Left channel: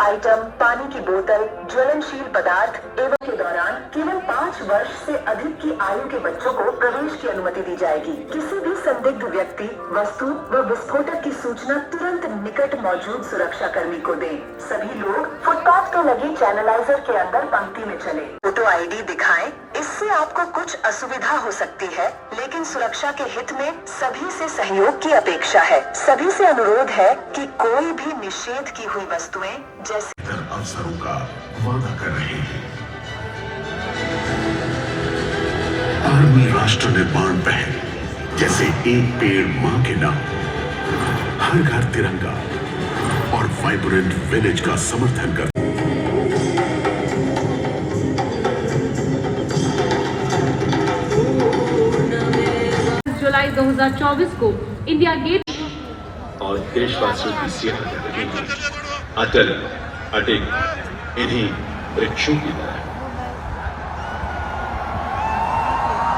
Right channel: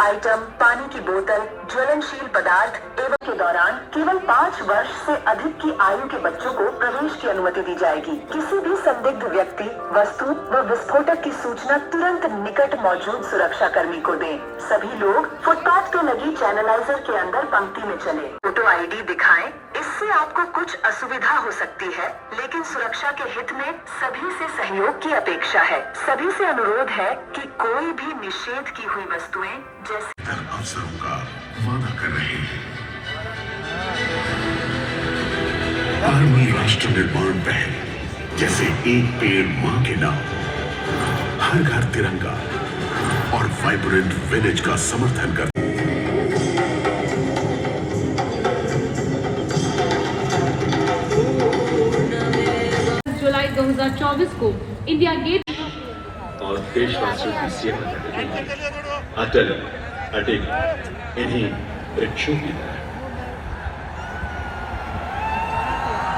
आइटम, पानी की बोतल, ज्वलनशील पदार्थ एवं के दौरान केवल 5 वर्ष से अधिक की आयु के बच्चों को प्रवेश की अनुमति दी जाएगी। किसी भी संदिग्ध व्यक्ति, वस्तु व विस्फोटक की सूचना तुरंत निकट मौजूद सुरक्षा कर्मी को दें। सभी लोग फुटपाथ पर लगी चैनलाइजर के अंदर पंक्ति में चले। फोटो ID दिखाएं। इससे आपको कुछ असुविधा हो सकती है, लेकिन सुरक्षा के हित में सभी से सहयोग की अपेक्षा है। सभी से अनुरोध है कि कोई भी निषेध की हुई वस्तुएं जैसे अवसरों का वादा कर रहे हैं। आर्मी राष्ट्र निर्माण पहल जैसे एक पेड़ मां के नाम, हर घर तिरंगा और वाइब्रेंट विलेज का समर्थन कर जुलाई 2024 को इंडिया गेट और देशवासियों की सेवा कर रहे हैं। अटल अडिग इन्हीं वृक्षों की तरह।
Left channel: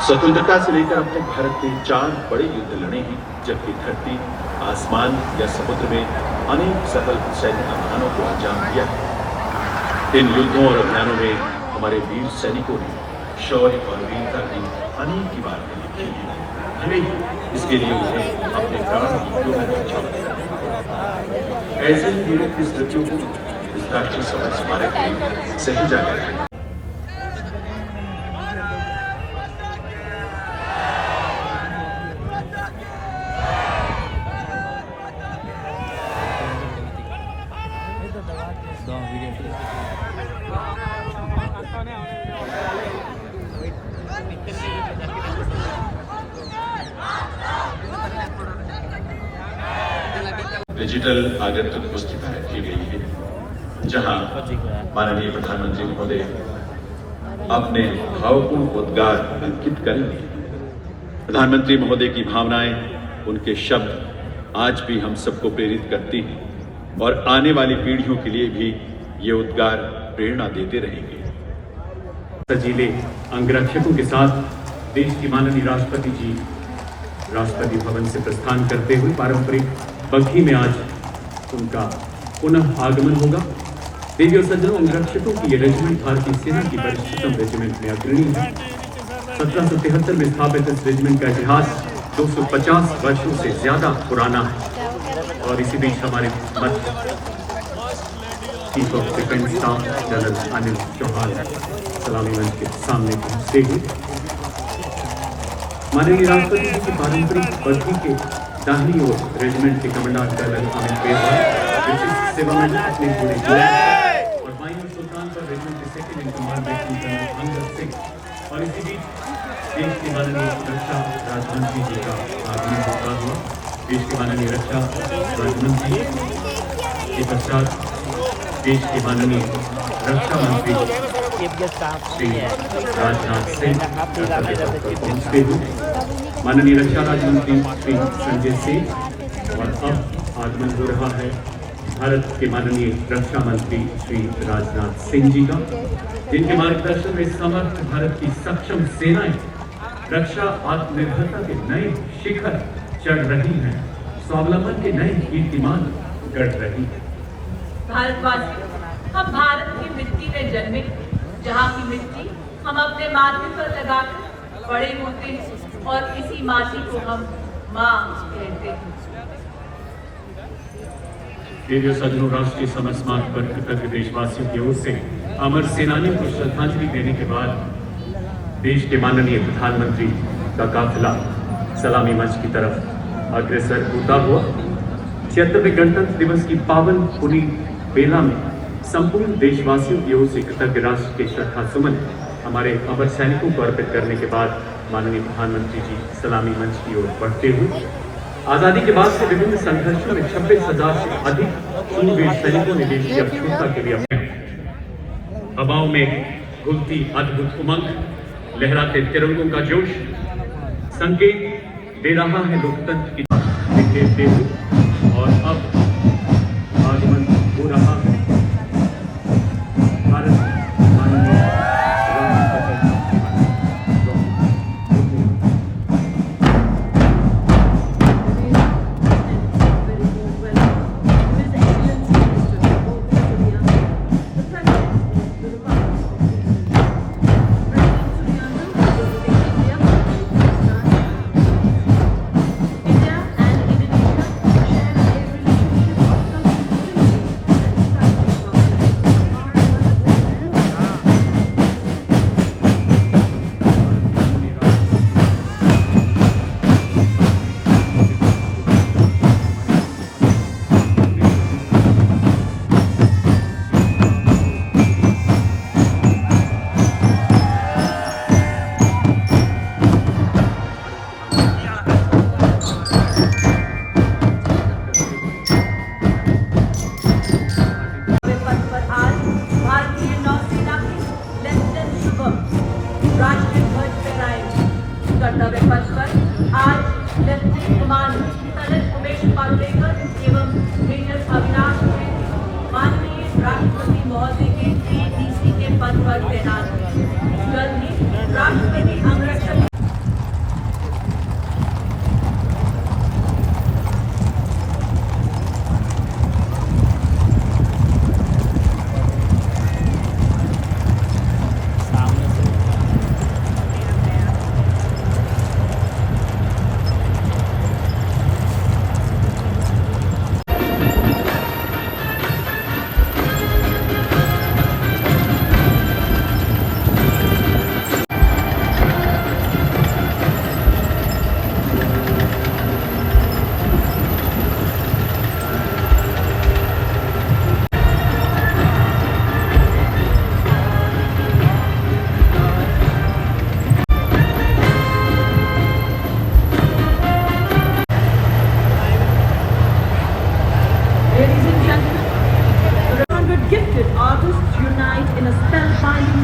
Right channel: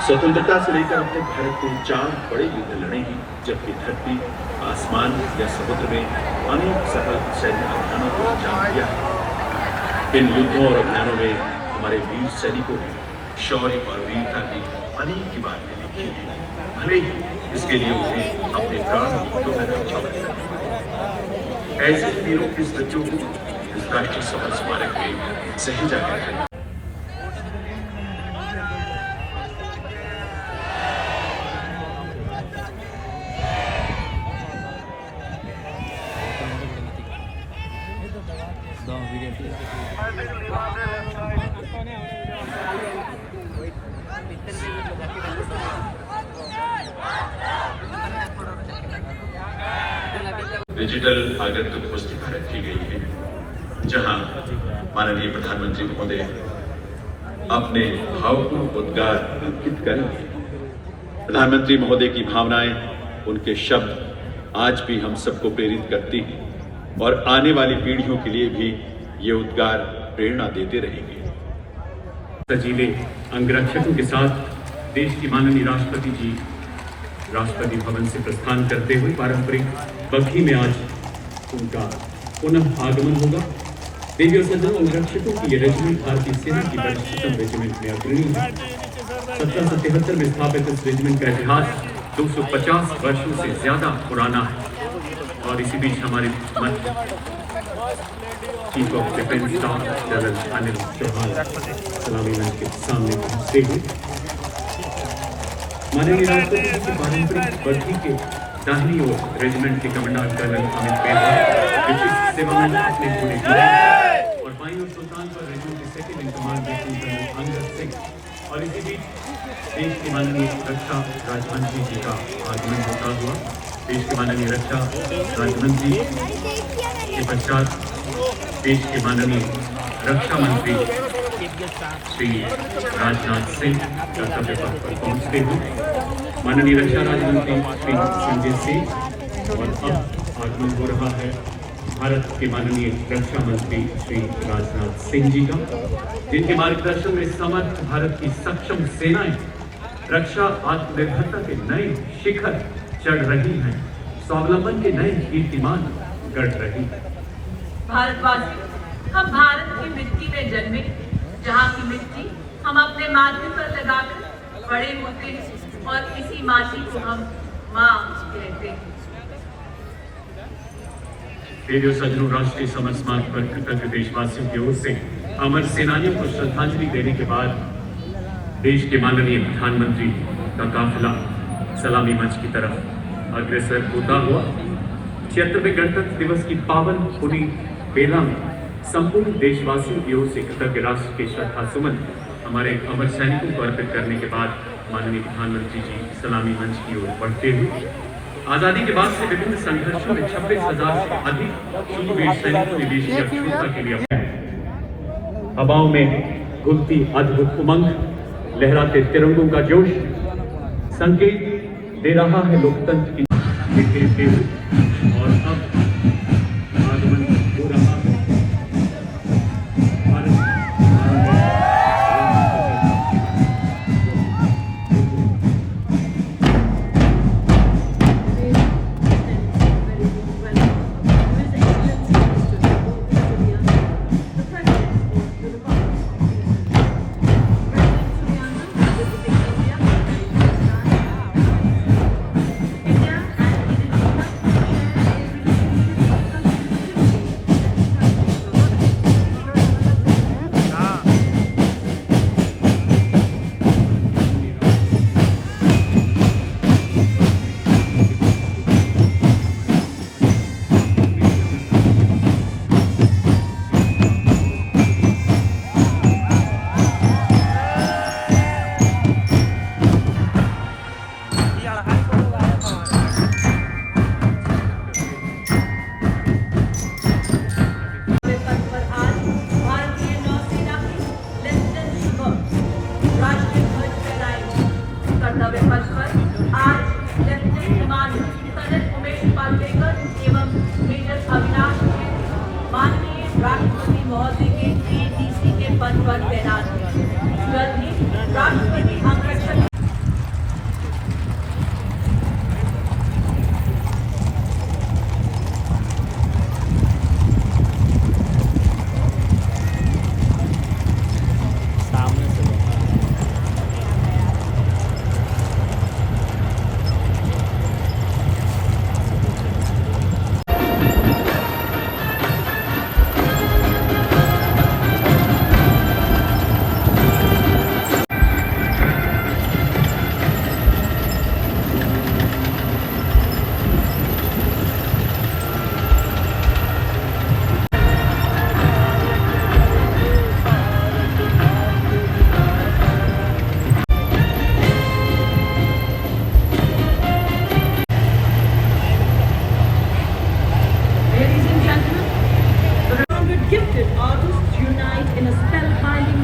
स्वतंत्रता से लेकर अब तक भारत ने 4 बड़े युद्ध लड़े हैं, जबकि धरती, आसमान या समुद्र में अनेक सफल सैनिक अभियानों को अंजाम दिया है। इन युद्धों और अभियानों में हमारे वीर सैनिकों ने शौर्य और वीरता की अनेक इबारतें लिखी हैं। भले ही इसके लिए उन्हें अपने प्राण ऐसे वीरों की स्मृतियों को इस राष्ट्रीय समर स्मारक में सहेजा गया है। डिजिटल आगंतुक पुस्तिका रखी गई है, जहां माननीय प्रधानमंत्री महोदय अपने भावपूर्ण उद्गार अंकित करेंगे। प्रधानमंत्री महोदय की भावनाएं, उनके शब्द आज भी हम सबको प्रेरित करती हैं और आने वाली पीढ़ियों के लिए भी ये उद्गार प्रेरणा देते रहेंगे। सजीले अंगरक्षकों के साथ देश की माननीय राष्ट्रपति जी राष्ट्रपति भवन से प्रस्थान करते हुए पारंपरिक बग्घी में आज उनका पुनः आगमन होगा। देवी और सज्जनों, अंगरक्षकों की ये रेजिमेंट भारतीय सेना की वरिष्ठतम रेजिमेंट में अग्रणी है। 1773 में स्थापित इस रेजिमेंट का इतिहास 250 वर्षों से ज्यादा पुराना है। और इसी बीच हमारे chief of defence staff general Anil Chauhan सलामी मंच के सामने पहुंचते हुए माननीय राष्ट्रपति जी की पारंपरिक बग्घी के दाहिनी ओर रेजिमेंट के कमांडेंट जनरल अमित पेशवा विशिष्ट सेवा में अपने पूरे जिले और वायु सुल्तान का रेजिमेंट के second in command lieutenant general Angad सिंह और इसी बीच देश के माननीय रक्षा राज्यमंत्री जी का आगमन होता हुआ देश के माननीय रक्षा राज्यमंत्री के पश्चात देश के माननीय रक्षा मंत्री श्री राजनाथ सिंह पहुंचते हुए माननीय रक्षा राज्य मंत्री श्री संजय सिंह और अब आगमन हो रहा है भारत के माननीय रक्षा मंत्री श्री राजनाथ सिंह जी का, जिनके मार्गदर्शन में समर्थ भारत की सक्षम सेनाएं रक्षा आत्मनिर्भरता के नए शिखर चढ़ रही हैं, स्वावलंबन के नए कीर्तिमान गढ़ रही है। भारतवासी, हम भारत की मिट्टी में जन्मे, जहाँ की मिट्टी हम अपने माथे पर लगाकर बड़े होते हैं और इसी माटी को हम माँ कहते हैं। रेडियो सज्जनों, राष्ट्रीय समर स्मारक पर कृतज्ञ देशवासियों की ओर से अमर सेनानियों को श्रद्धांजलि देने के बाद देश के माननीय प्रधानमंत्री का काफिला सलामी मंच की तरफ अग्रसर होता हुआ 76वें गणतंत्र दिवस की पावन पुनी बेला में संपूर्ण देशवासियों की ओर से कृतज्ञ राष्ट्र के श्रद्धा सुमन हमारे अमर सैनिकों को अर्पित करने के बाद माननीय प्रधानमंत्री जी सलामी मंच की ओर बढ़ते हुए आजादी के बाद से विभिन्न संघर्षों में 26,000 से अधिक शूरवीर सैनिकों ने देश की अखंडता के लिए हवाओं में घुलती अद्भुत उमंग, लहराते तिरंगों का जोश संकेत दे रहा है लोकतंत्र की और अब आगमन हो रहा है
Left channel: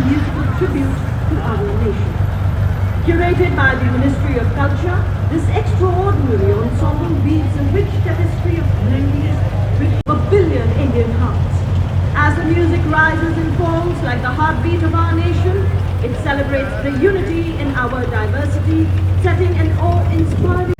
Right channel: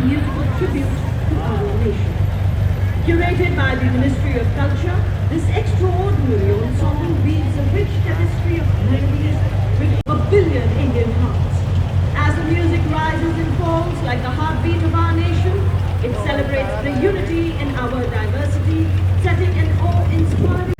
musical tribute to our nation. Curated by the Ministry of Culture, this extraordinary ensemble weaves a rich tapestry of melodies with a billion Indian hearts. As the music rises in forms like the heartbeat of our nation, it celebrates the unity in our diversity, setting an awe-inspiring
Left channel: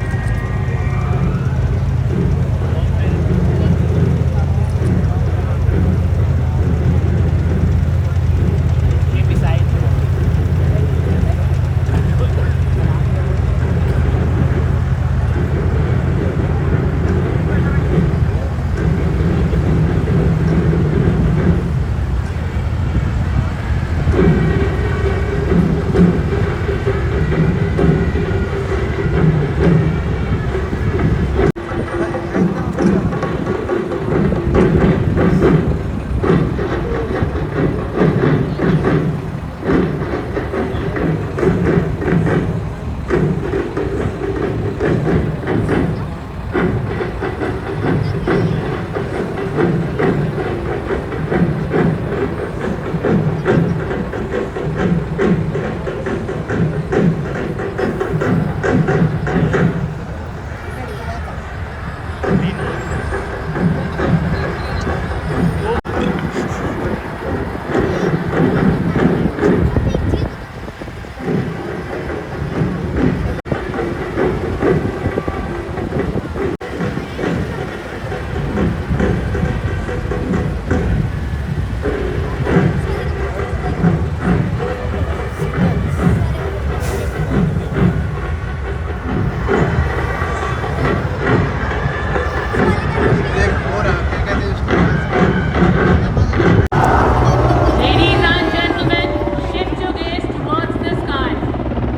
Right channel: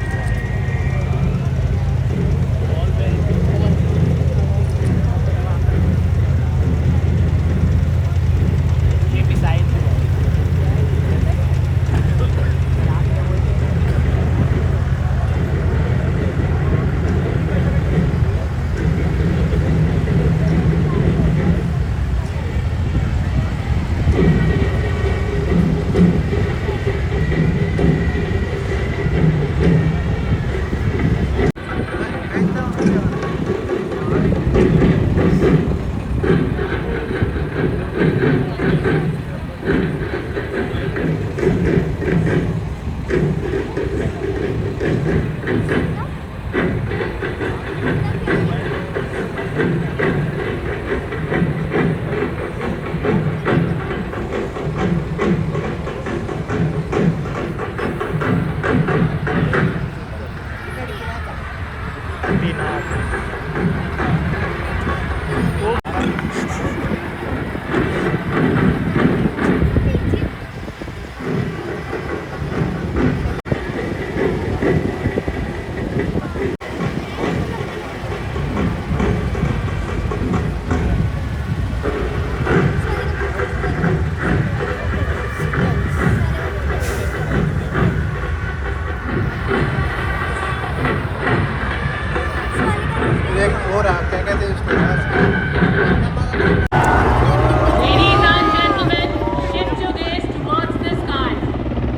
Ladies and gentlemen, shift your gaze towards the sky.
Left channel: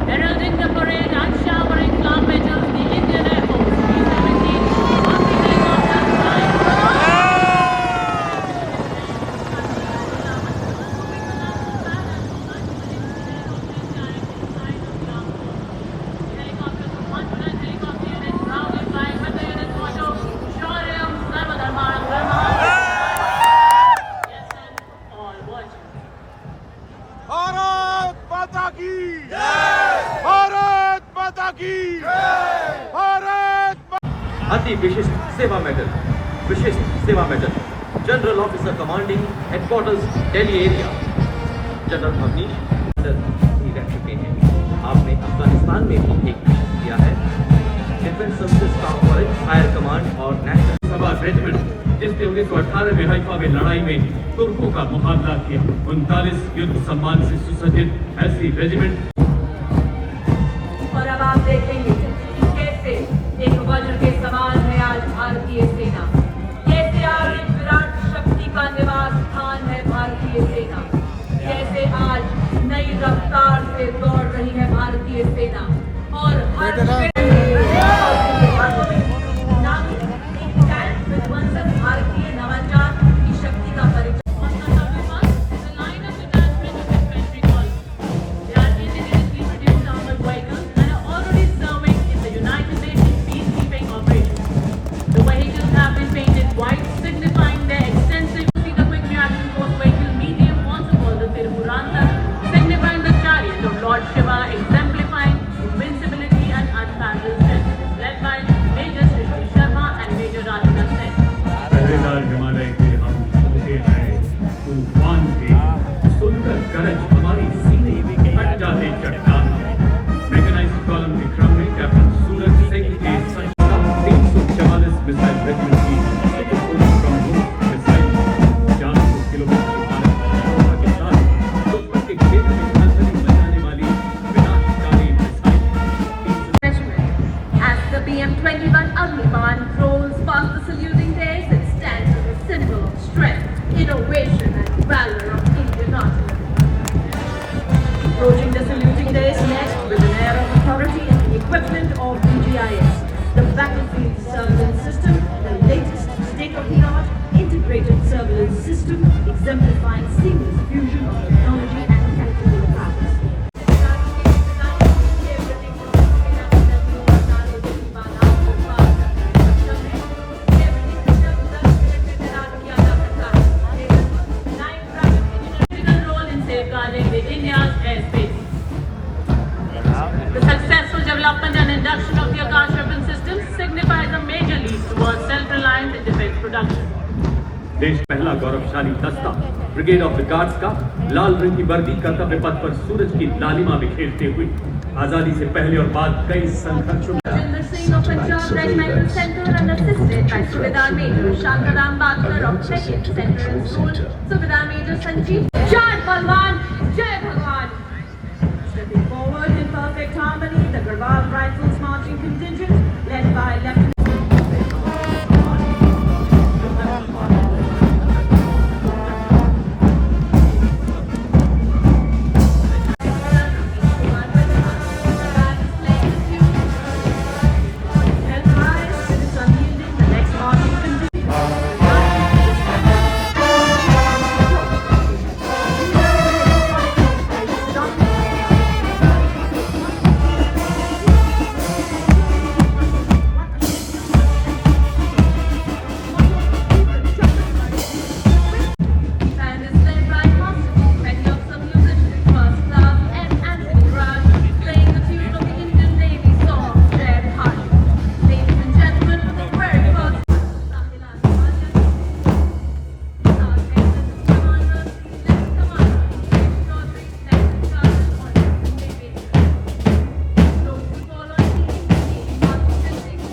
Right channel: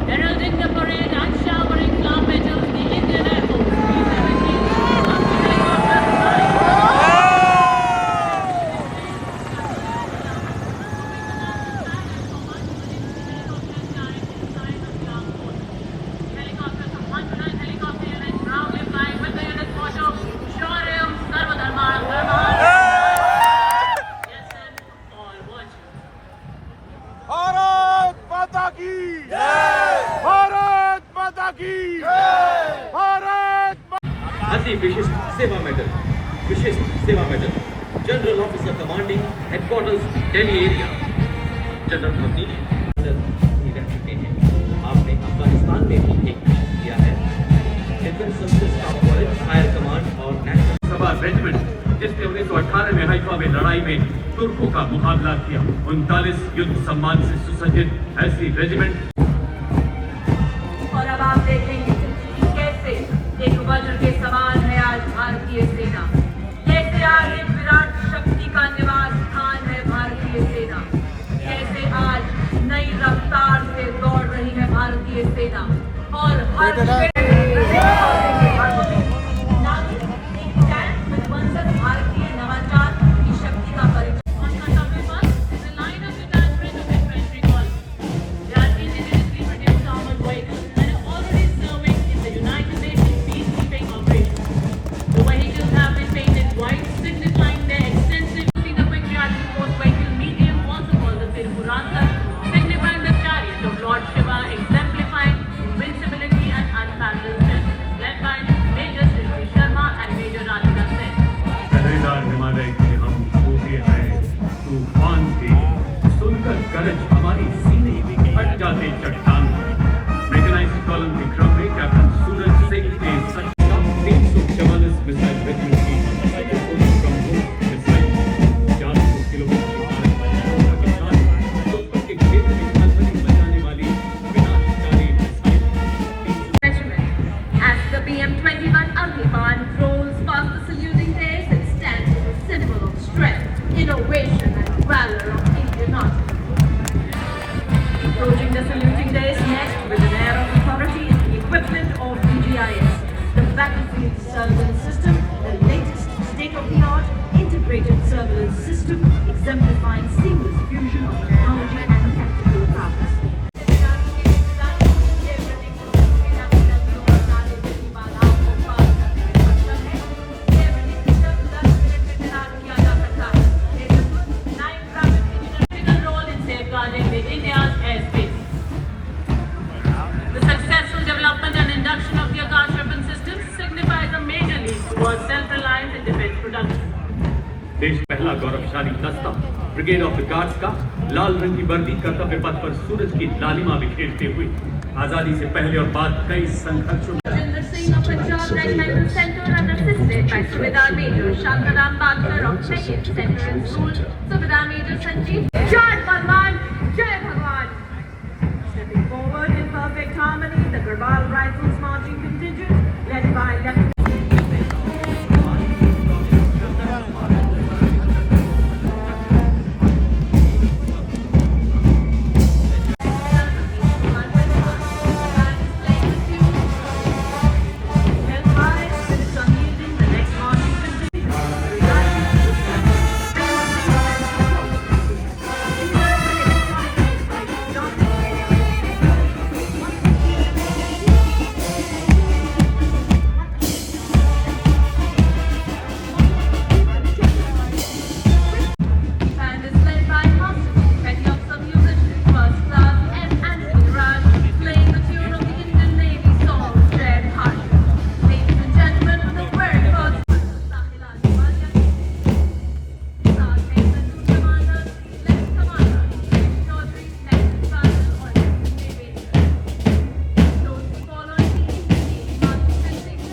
Heralding the parade and showering flower petals, the Indian Air Force is everything on the helicopter flying. Helicopters of 100 helicopter units proudly flying with the latest motto, Shaurya Sarvadharmana Dharma. Yes, son, all was. Bharat माता की जय। भारत माता की जय। भारत अति विशिष्ट Seva medal, Vishisht Seva medal, general officer commanding headquarters Delhi area, general Avnish भी रह चुके हैं। आपने अफगानिस्तान में भी एक मिशन किया है। Defence services staff college, fire command और नेशनल सभा रेजिमेंट जिसने 1918 में हाइफा में लड़ाई में तुर्कों का मुकाबला किया, 39 युद्ध सम्मान से सुसज्जित ऐसी रेजिमेंट। और अब आप देखेंगे कि कैसे एक वज्र के समान है आज भारतीय सेना, कैसे आज एक विराट शक्ति का निवास स्थान है भारतीय सेना, कैसे आज नई रफ्तार से दौड़ रही है भारतीय सेना और हर भारतीय नवाचार की शक्ति का परिचय। exemplifying invincibility and unparalleled strength, led by Major Srishti Sharma and Major Radhika Sen. पहरेदार हिमालय के हम सूखे हैं तूफान के, सुनकर गरज हमारी सीने फट जाते चट्टान के। मैकेनाइज्ड कॉलम के क्रम में कैप्टन सूरज सिंह के 344 मिसाइल रेजिमेंट की मिसाइल 400 किलोमीटर के खेत में नजर बचाने वाली विनाशकारी missile. As the PM-21 Amrappan rolls past the saluting days, it stands as a symbol of strength, innovation and valor of Indian artillery. Approaching the saluting days next with an air of authority and the equipment of DGIS, the battlefield surveillance system, the latest state-of-the-art integrated surveillance system exemplifying seamless fusion of technology and tactical prowess. Critical role in safeguarding the army दस्ता brigade of the guards का लाल रंग की वर्दी कर्तव्य पथ पर सूरज की लालिमा बिखेरते हुए आजादी से पहले और बाद कई संघर्षों Rajinder Singh of Punjab Regimental Centre and assisted by Subedar Major Shantaram Bakar of 2nd Centre and School, Subedar Major Sanjeev. Jai Balwan, Jai Bhagwan. Stepping forward in perfect harmony, the Garbal Rifles marching contingent led by Lieutenant And is led by Constable Petty Officer Musician First Class M. Anthony Raj, playing the tune of the Indian Navy song Jai Bharat. Ladies and gentlemen, for the very first time, Sahila Himalayan, Sergeant Commander, Lieutenant Commander, Chaudhary, Lieutenant Sergeant, Ordnance Navy. Those who follow the Navy marching contingent,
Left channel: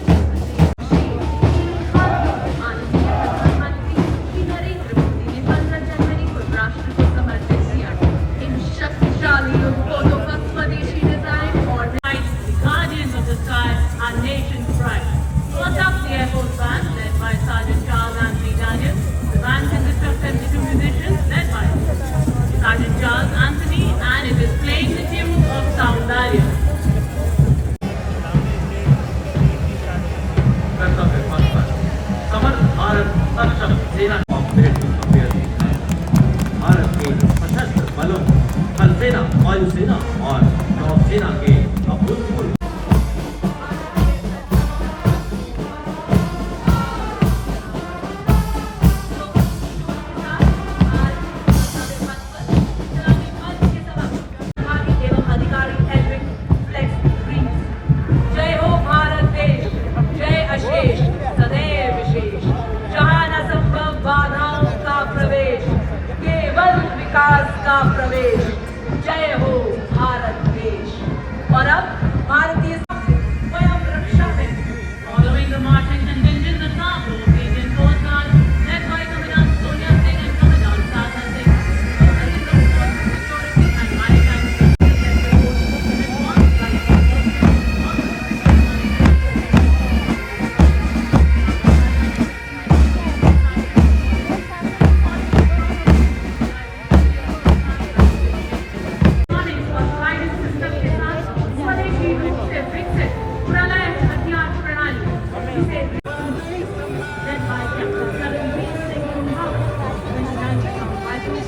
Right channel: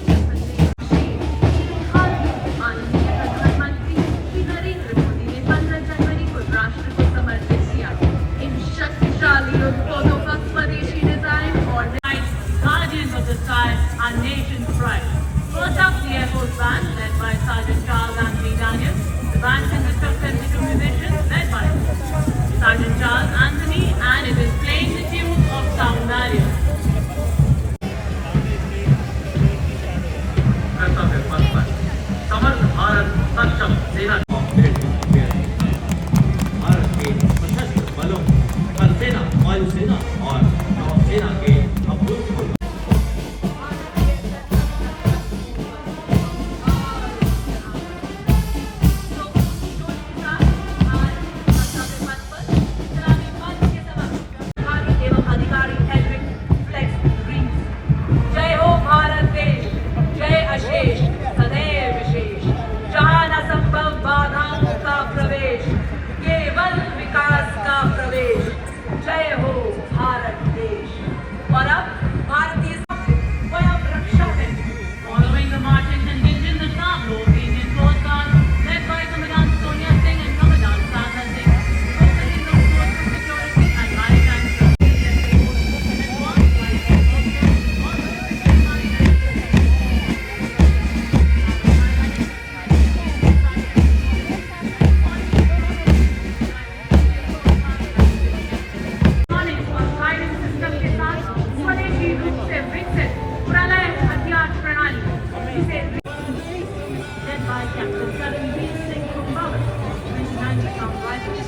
माननीय प्रधानमंत्री श्री नरेंद्र मोदी ने 15 जनवरी को राष्ट्र को समर्पित किया। इन शक्तिशाली युद्धपोतों का स्वदेशी डिजाइन और guardians of the sky, our nation's pride. First up, the Air Force Band, led by Sergeant Charles Anthony Daniel. The band consists of 72 musicians, led by Sergeant Charles Anthony, and it is playing the tune of Soundarya. कर्तव्य पथ पर समर्थ भारत सक्षम सेना भारत के सशस्त्र बलों थल सेना, वायुसेना और नौसेना के अभूतपूर्व जय हो भारत देश, जय अशेष सदैव विशेष, जहाँ न संभव बाधाओं का प्रवेश, केवल विकास का प्रवेश। जय हो भारत देश। और अब भारतीय स्वयं रक्षा है। Following the marching contingent, the Tableau of the Indian Coast Guard, led by Commandant Sonia Singh and Commandant Sadha Singh, focusing on coastal security and maritime safety. Firing system के साथ स्वदेशी रूप से विकसित प्रलय हथियार प्रणाली जिसे led by Captain Karanveer Singh Kumar, Commandant of Rifles.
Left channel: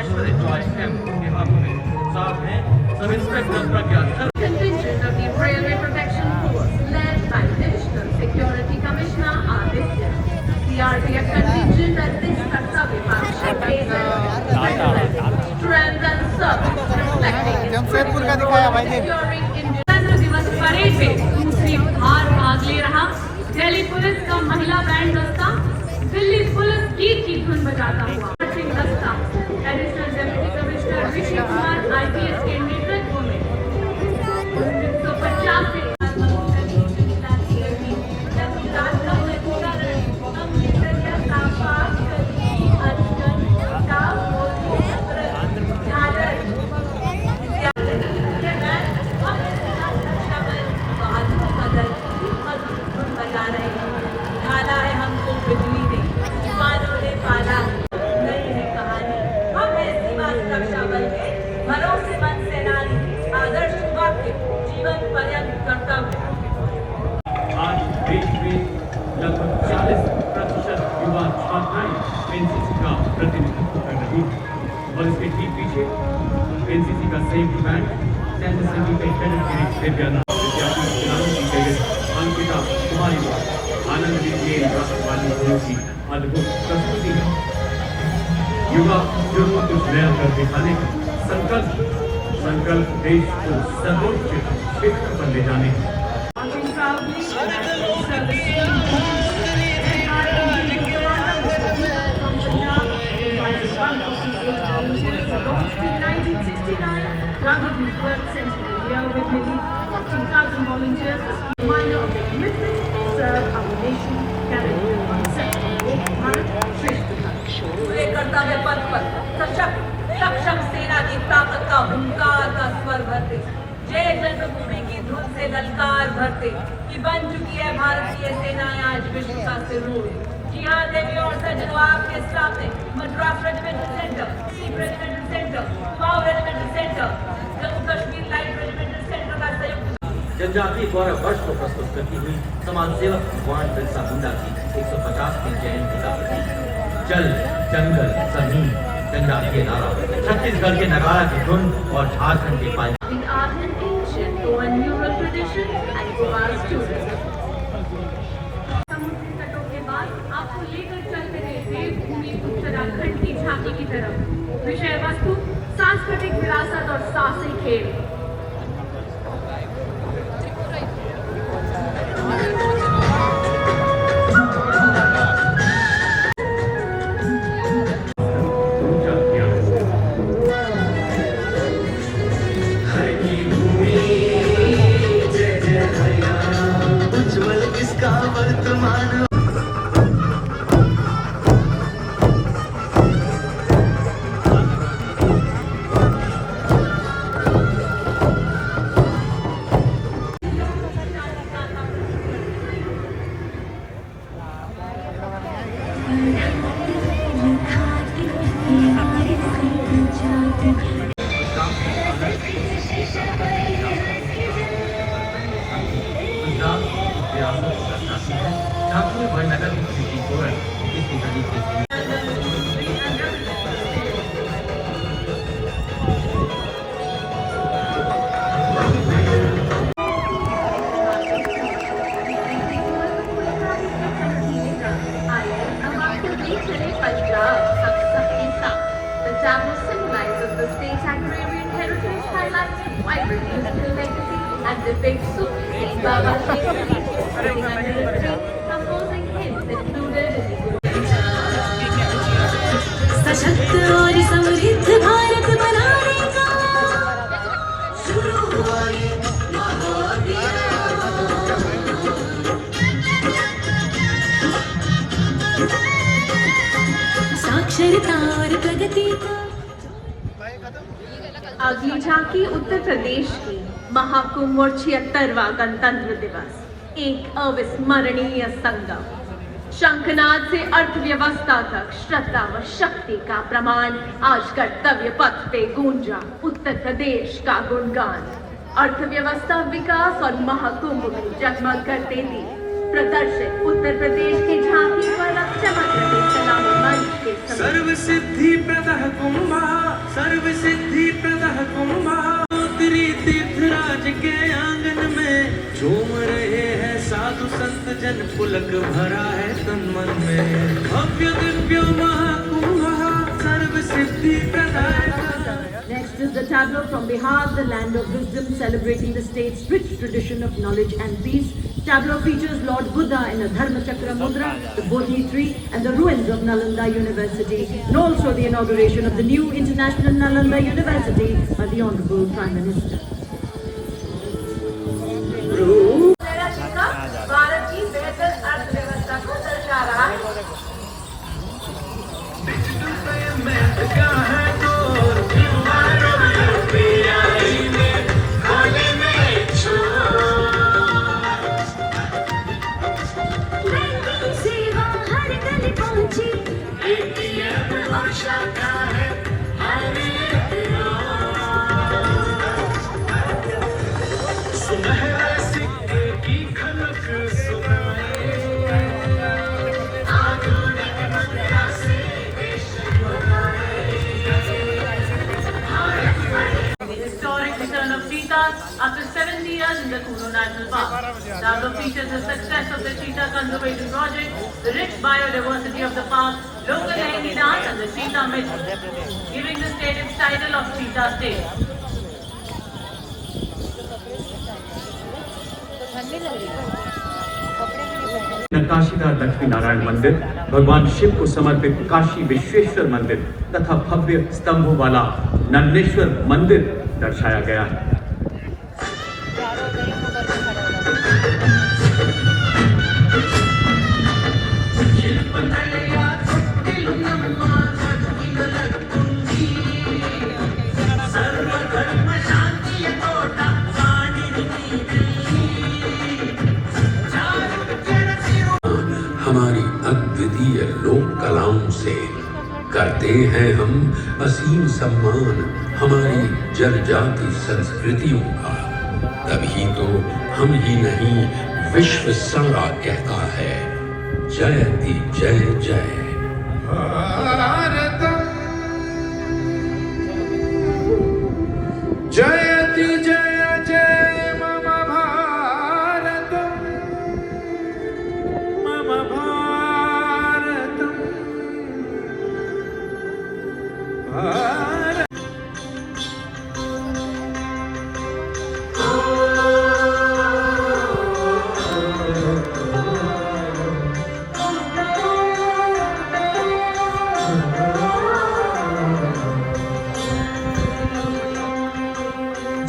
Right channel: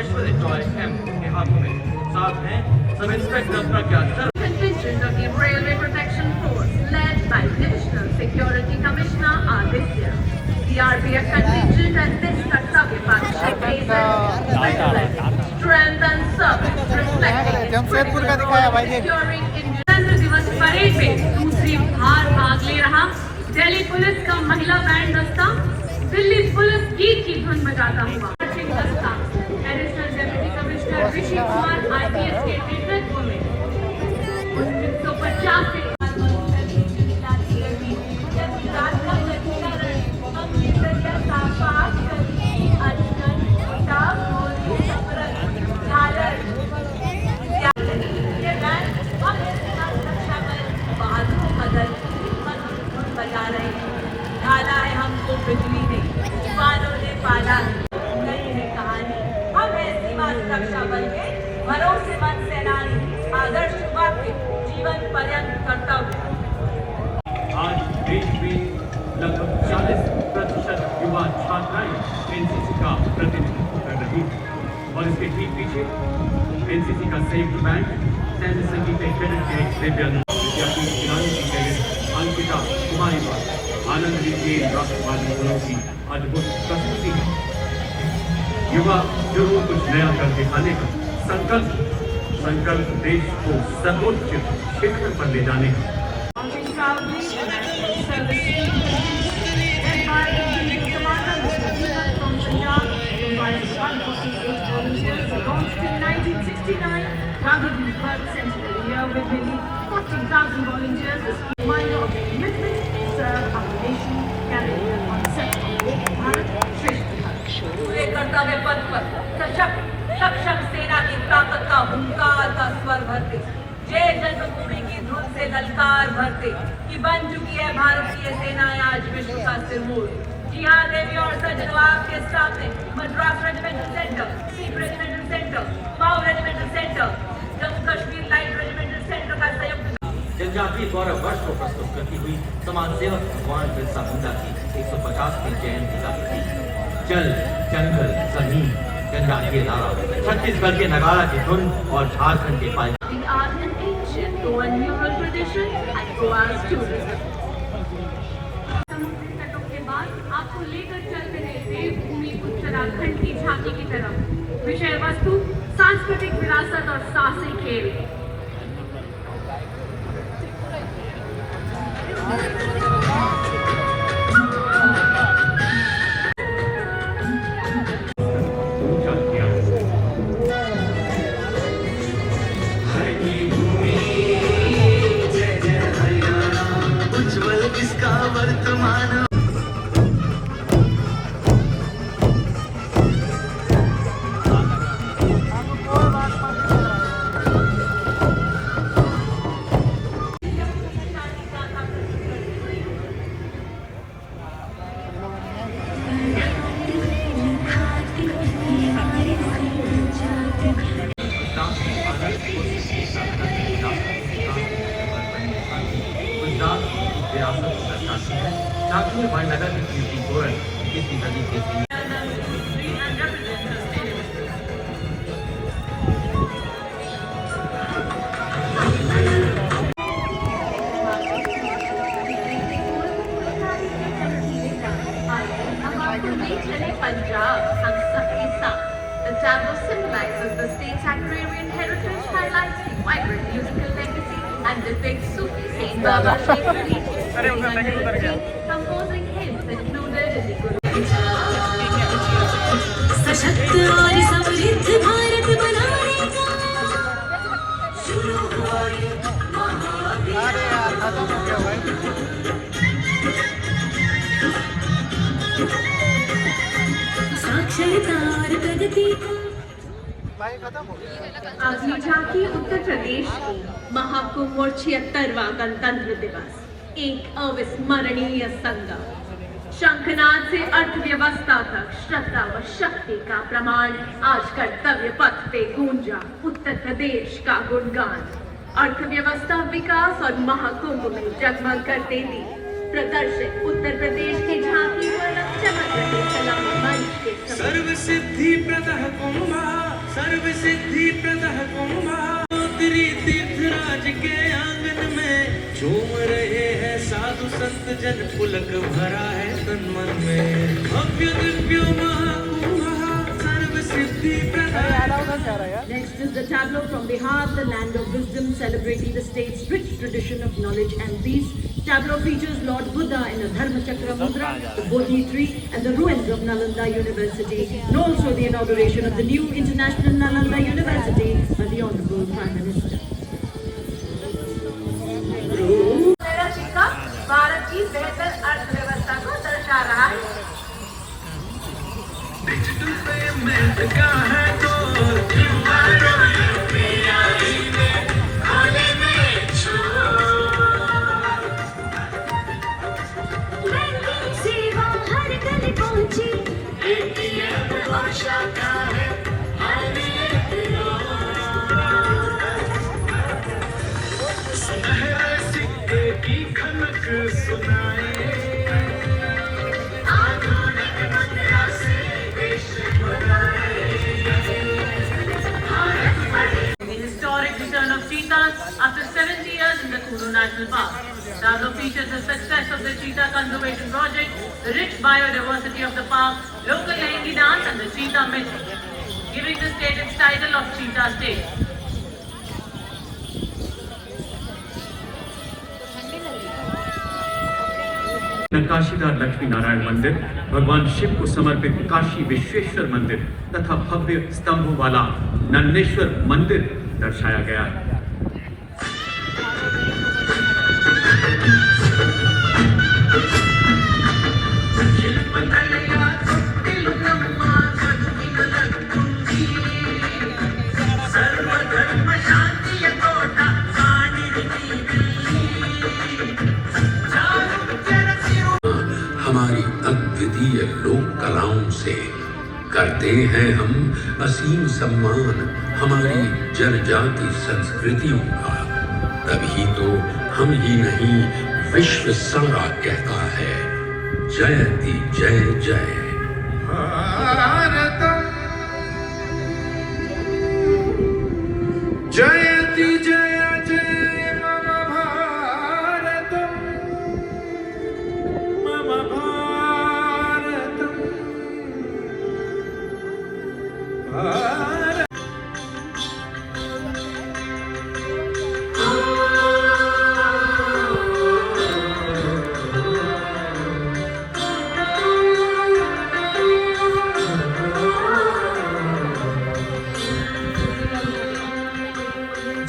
Aishwarya Joy M के हाथों में साथ हैं sub inspector Pragya Contingent of the Railway Protection Force, led by Divisional Security Commissioner Aditya. The RPF contingent at this Kartavya Path pays strength and service, reflecting its securing Indian दिवस परेड में दूसरी बार भाग ले रहा दिल्ली पुलिस का महिला बैंड दस्ता दिल्ली पुलिस गीत की धुन बजाता हुआ मार्चिंग दस्ता additional deputy commissioner Rishi Kumar IPS के नेतृत्व में 1950 से बिजली ने तूफानों ने पाला नहीं है कहानी हम है सीमा सुरक्षा बल के भरोसेमंद सेनानी आदर्श वाक्य जीवन पर्यंत कर्तव्य। आज देश में लगभग 40% युवा छात्राएं एनसीसी का प्रतिनिधित्व कर रही हैं और इसके ठीक पीछे एनसीसी का संयुक्त बैंड सैन्य संगीत के कैडेट के दिव्यांग विद्यार्थियों के नाम की कैडेट अंकिता कुमारी आनंद की अद्भुत प्रस्तुति है। युवा साथियों को कुछ नया कर दिखाने का संकल्प देश को सर्वोच्च क्षेत्र पर ले जाने का। कर्तव्य पथ पर सक्षम सेना की ताकत का हुंकार का स्वर भरते, जय जन्मभूमि की धुन से ललकार भरते कि बन चुकी है भारतीय सेनाएं आज विश्व का सिरमौर। जी हाँ देवी और सज्जनों, आपके सामने Madras regimental centre, Sikh regimental centre, वाव regimental centre, Jammu Kashmir light regimental centre का संयुक्त जनजातीय गौरव वर्ष को प्रस्तुत करती हुई समाज सेवक भगवान बिरसा मुंडा की 150वीं जयंती का जल जंगल जमीन जनजातीय नारा, छत्तीसगढ़ के नगाड़ा की धुन और झारखंड के पानी। आपको लेकर चलते हैं देवभूमि उत्तराखंड की झांकी की तरफ। विषय वस्तु सांस्कृतिक विरासत और साहसी खेल। झांकी बड़नगर की गौरव इसी तरीके से सशक्त और समृद्ध भारत बनाने का साक्षरता और प्रगति का। अगली झांकी उत्तर प्रदेश की महाकुंभ और 76वां गणतंत्र दिवस, एक अविस्मरणीय संगम। शंखनाद से अर्थव्यवस्था तक श्रद्धा व शक्ति का प्रमाण आज कर्तव्य पथ पे गूंजा उत्तर प्रदेश का गुणगान। अर्थव्यवस्था विकास और महाकुंभ में जगमग करते थी। प्रदर्शित उत्तर प्रदेश की झांकी पर अब चमक रहे सलाम मंच के सर्व सिद्धि प्रदः कुंभा, सर्व सिद्धि प्रदः कुंभा, तीर्थराज के आंगन में झूम रहे हैं साधु संत जन, पुलक भरा है तन मन में। भव्य दिव्य महाकुंभ सर्व सिद्धि प्रदाय। Next is the tableau from Bihar, the land of wisdom, celebrating the state's rich tradition of knowledge and peace. Tableau features Lord Buddha in a Dharma Chakra Mudra, the Bodhi tree, and the ruins of Nalanda University, and also the inauguration of the new International Nalanda University by the Honorable Prime Minister. Bharat की बेहतर अर्थव्यवस्था को दर्शा रहा है। सेवा हर गली पहुंची, ATM और शाखा है हर एक सुनहरा सिक्के की खनक सुनाए, आधुनिक मुद्रा से देश बनाए। cheetahs after 70 years in the Kuno National Park. The album features the success of the cheetah conservation project, the rich biodiversity of the park, local Lehengi dance and the cheetah myth, giving the state its title of Cheetah State. नक्काशीदार लक्ष्मी नारायण मंदिर, भगवान शिव को समर्पित काशी विश्वेश्वर मंदिर तथा भव्य स्तंभों वाला नंदेश्वर मंदिर दर्शाया गया। हमारी अद्वितीय लोक कलाओं से करते हैं हम असीम सम्मान हमारी जनजाति संस्कृतियों का। तभी तो हम ही नहीं विश्व सारा कहता है जयति जय जय। जयति जय जय मम भारतम मम भारतम भारत।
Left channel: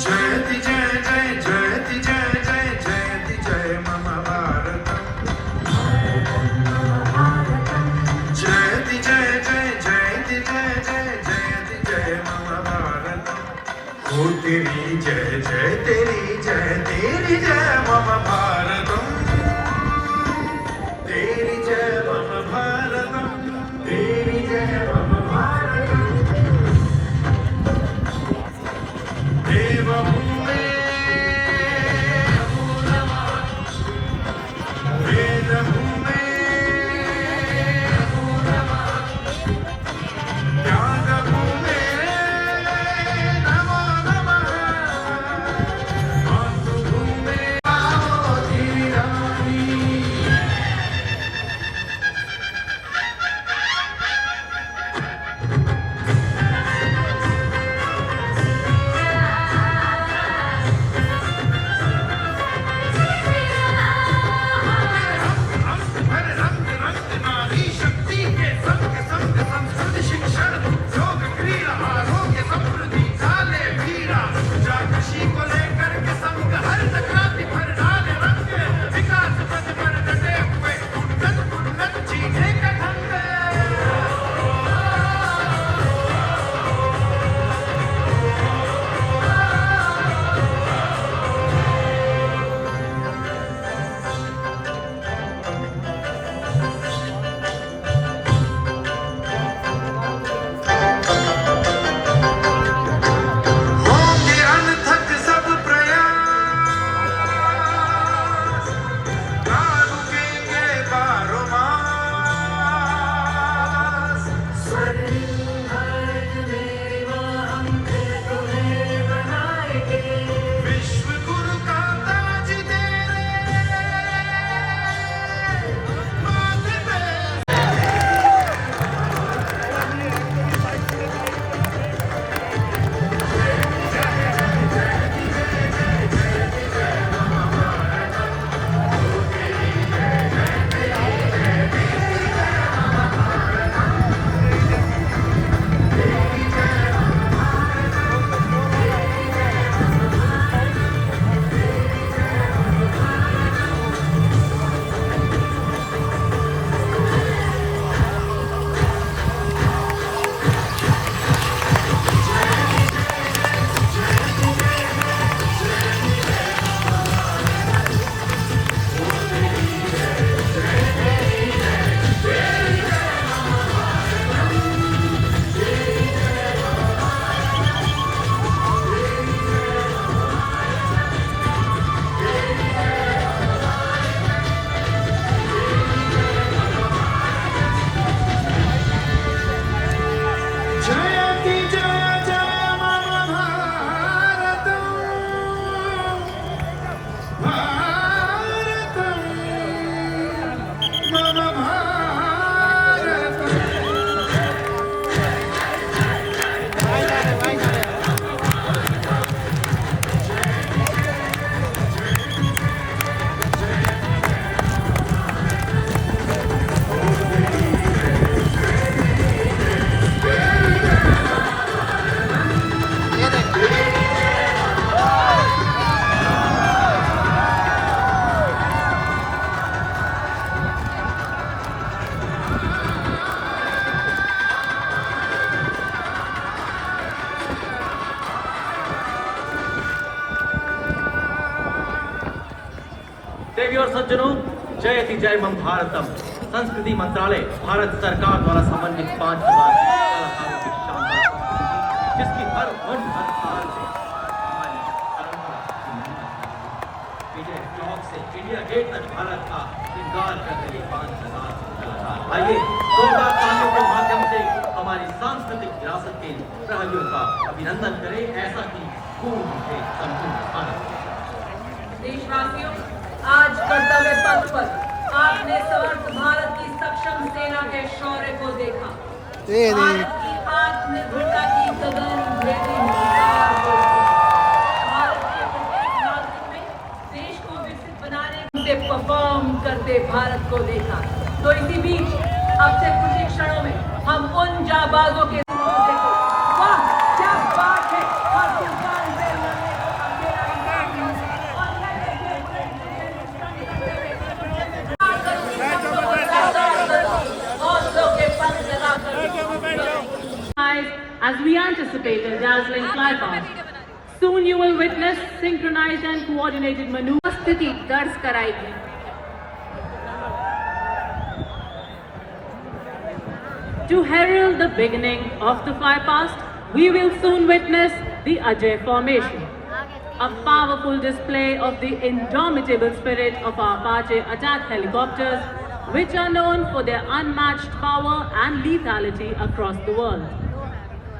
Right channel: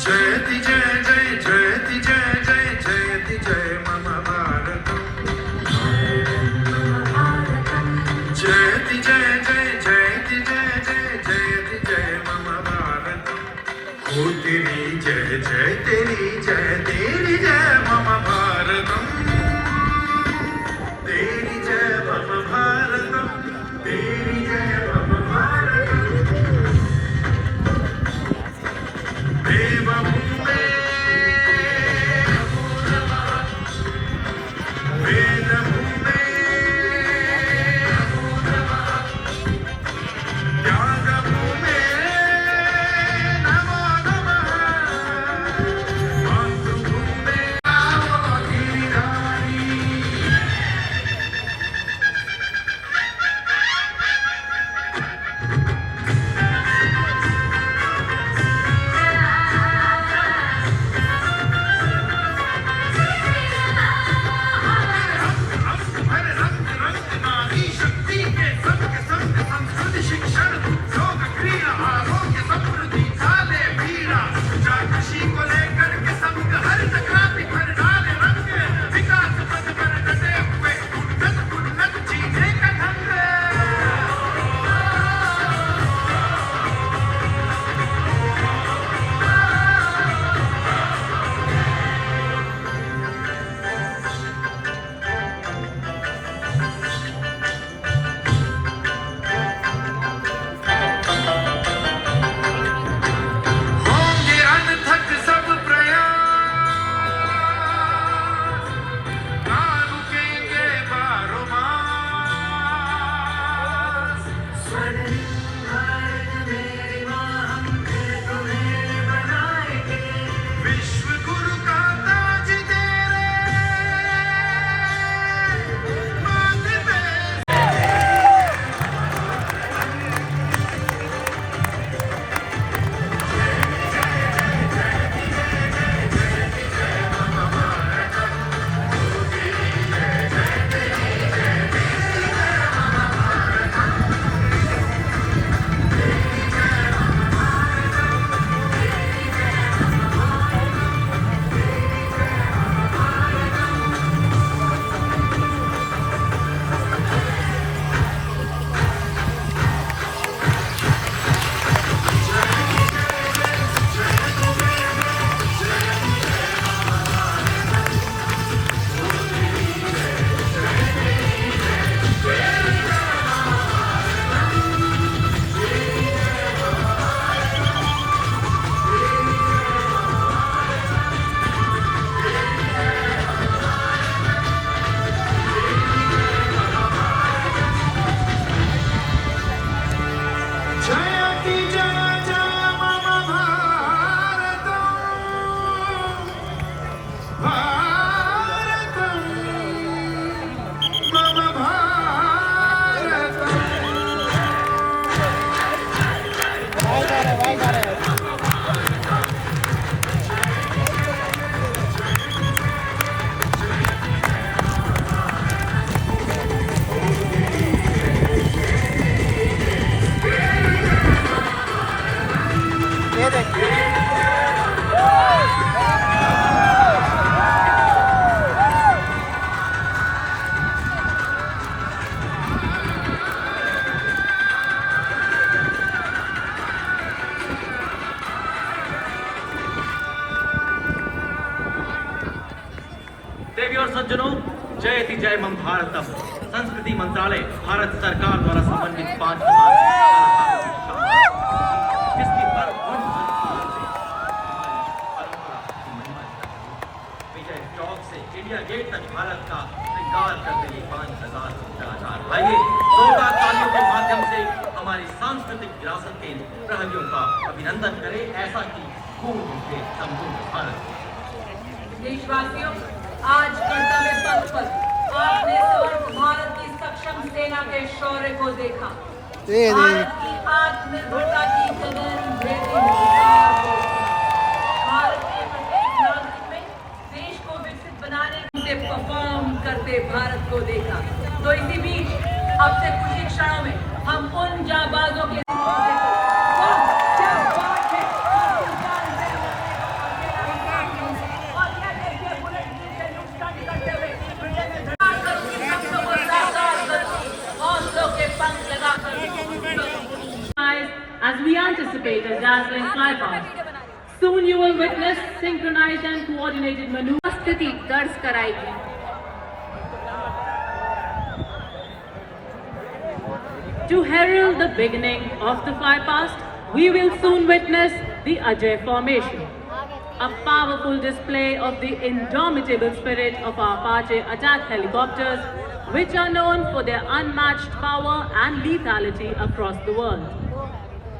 जयति जय जय जयति जय जय जयति जय मम भारतम जयति जय जय जयति जय जय जयति जय मम भारतम। हो तेरी जय जय तेरी जय मम भारतम। तेरी जय मम भारतम तेरी जय मम भारतम। देवभूमे वेदभूमे त्यागभूमे नमो नमः। मातृभूमे गिरिरानी देवी और सज्जनों, जयति जय मन भारतम संस्कृति मंत्रालय भारत सरकार द्वारा समन्वित 5 कलाकारों की शानदार प्रस्तुति, जिसकी हर धुन हर ताल से विजय चौक से इंडिया गेट तक भारत का श्रृंगार कर रहे 5,000 कलाकार। आइए शोभा तालियों के माध्यम से हमारी सांस्कृतिक विरासत के प्रहरियों का अभिनंदन करें, ऐसा कि खून निकले संपूर्ण भारत। देशवासियों, आज कर्तव्य पथ पर आपने समर्थ भारत की सक्षम सेना के शौर्य को देखा। भारत की आत्मनिर्भरता की कदर भेदी मिसाल को देखा। भारत के प्रत्येक नागरिक में देश को विकसित बनाने से परफॉर्म करते भारत को देखा। तो इसी बीच अब से कुछ ही क्षणों में हम उन जाबाजों के वाह क्या बात है। As we anticipate a dazzling flypast, soon you will witness synchronized and coordinated maneuvers. स्थिति दर्ज कराएगी। To herald the beginning of the flypast, we will soon witness the Ajay formation, a powerful display of the indomitable spirit of our Apache attack helicopters, which are known for their unmatched power and lethality across the world.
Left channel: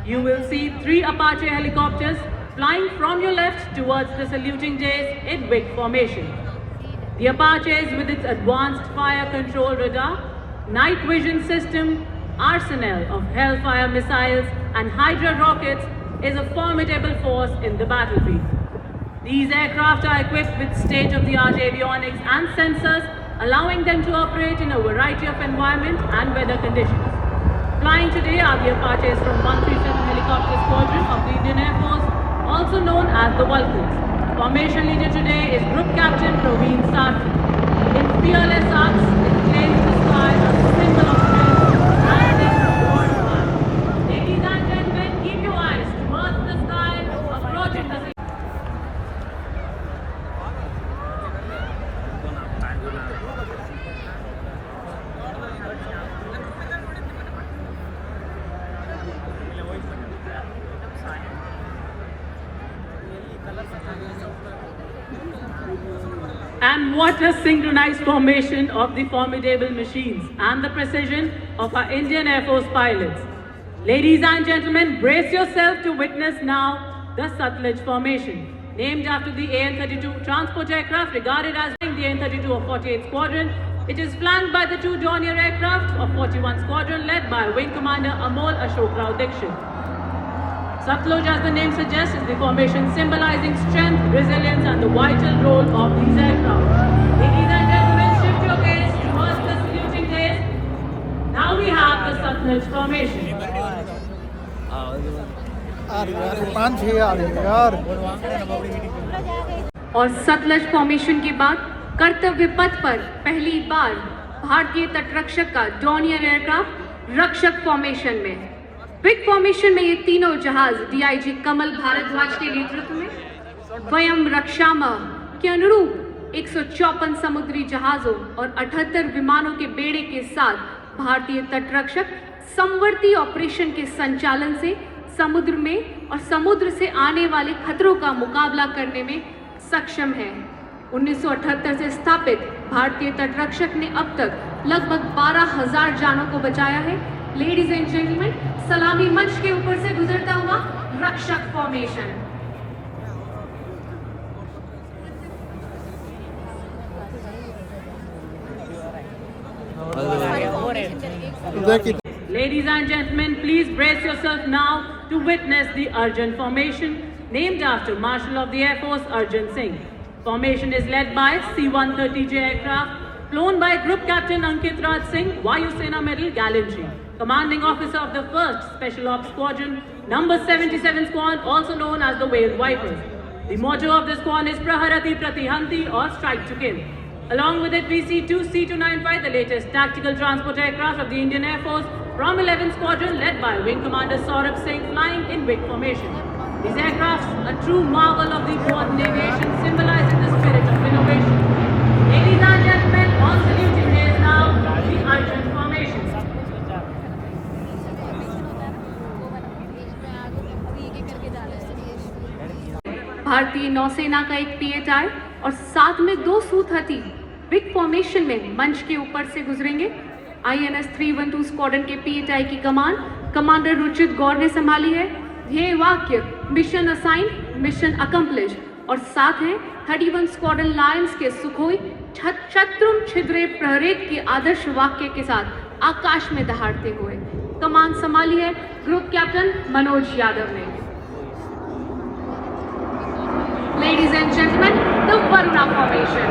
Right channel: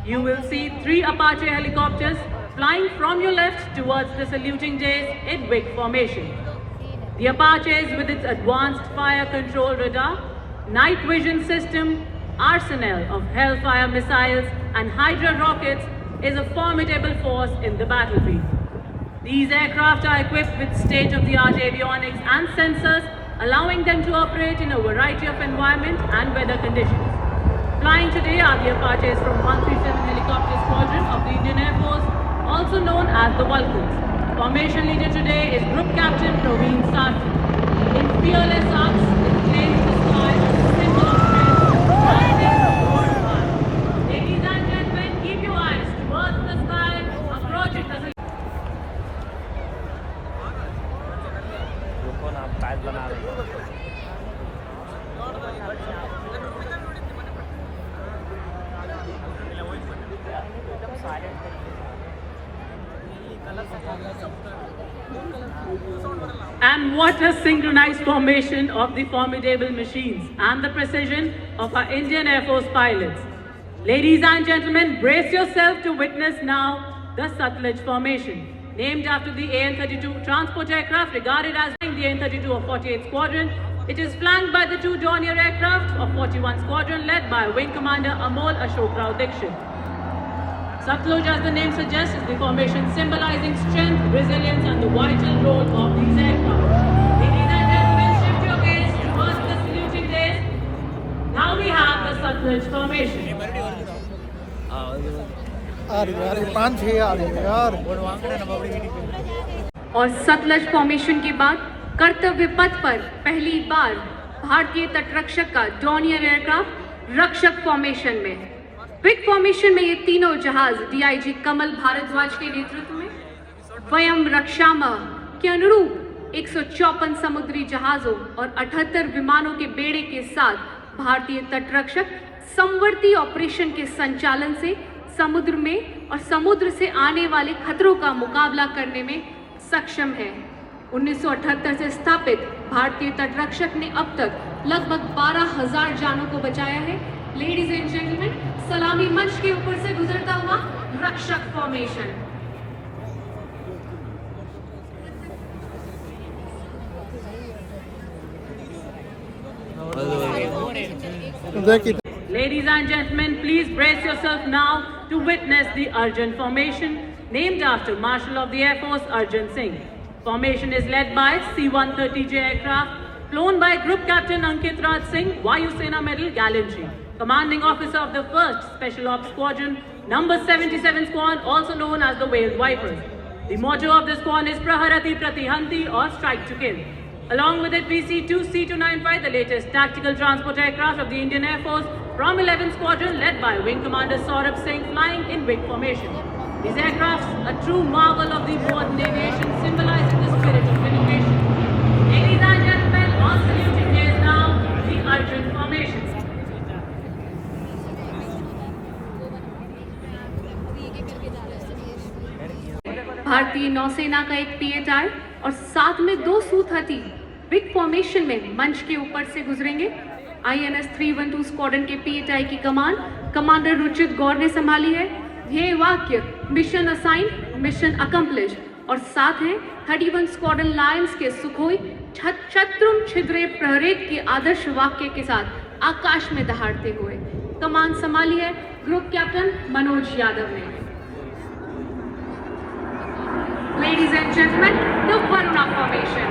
You will see 3 Apache helicopters flying from your left towards the saluting jays in wing formation. The Apaches, with its advanced fire control radar, night vision system, arsenal of Hellfire missiles and Hydra rockets, is a formidable force in the battlefield. These aircraft are equipped with state-of-the-art avionics and sensors, allowing them to operate in a variety of environment and weather conditions. Flying today are the Apaches from 137 Helicopter Squadron of the Indian Air Force, also known as the Vulcans. Formation leader today is Group Captain Praveen Sarthi. In fearless arcs, it claims the sky as a symbol of strength, rising towards the sky. Ladies and gentlemen, keep your eyes towards the sky, approaching the And what a synchronized formation of the formidable machines and the precision of our Indian Air Force pilots. Ladies and gentlemen, brace yourself to witness now the Satluj formation, named after the AN-32 transport aircraft regarded as the AN-32 of 48th Squadron. It is flanked by the 2 Dornier aircraft of 41 Squadron led by Wing Commander Amol Ashok Rao Dixit. Satluj, as the name suggests, is the formation symbolizing strength, resilience and the vital role of these aircraft. Ladies and gentlemen, shift your gaze towards the saluting days. Now we have the Satluj formation. और सतलज फॉर्मेशन के बाद कर्तव्य पथ पर पहली बार भारतीय तटरक्षक का डॉर्नियर एयरक्राफ्ट रक्षक फॉर्मेशन में। विग फॉर्मेशन में ये तीनों जहाज डीआईजी कमल भारद्वाज के नेतृत्व में वयम रक्षामा के अनुरूप 154 समुद्री जहाजों और 78 विमानों के बेड़े के साथ भारतीय तटरक्षक समवर्ती ऑपरेशन के संचालन से समुद्र में और समुद्र से आने वाले खतरों का मुकाबला करने में सक्षम है। 1978 से स्थापित भारतीय तटरक्षक ने अब तक लगभग 12,000 जानों को बचाया है। लेडीज एंड जेंटलमैन, सलामी मंच के ऊपर से गुजरता हुआ रक्षक formation. Ladies and gentlemen, please brace yourself now to witness the Arjun formation, named after Marshal of the Air Force Arjun Singh. Formation is led by C-130J aircraft, flown by Group Captain Ankit Raj Singh, Vayu Sena Medal Gallantry, Commanding Officer of the 1st Special Ops Squadron, number 77 Squad, also known as the Whale Vipers. The motto of the squad is Praharati Pratihanti, or Strike to Kill. Along with it, we see 2 C-295, the latest tactical transport aircraft of the Indian Air Force, from 11th Squadron, led by Wing Commander Saurabh Singh, flying in wing formation. These aircrafts, a true marvel of the modern aviation, symbolizing the spirit of innovation. Ladies भारतीय नौसेना का एक PHI और साथ में 2 सूत हाथी Wick formation में मंच के ऊपर से गुजरेंगे। INS 312 स्क्वाड्रन के PHI की कमान कमांडर रुचित गौर ने संभाली है। ध्येय वाक्य मिशन असाइन मिशन अकम्प्लिश और साथ हैं 31 स्क्वाड्रन लायंस के सुखोई छत्रुम छिद्रे प्रहरेत के आदर्श वाक्य के साथ आकाश में दहाड़ते हुए। कमान संभाली है ग्रुप कैप्टन मनोज यादव ने। Ladies and gentlemen, the Varuna formation.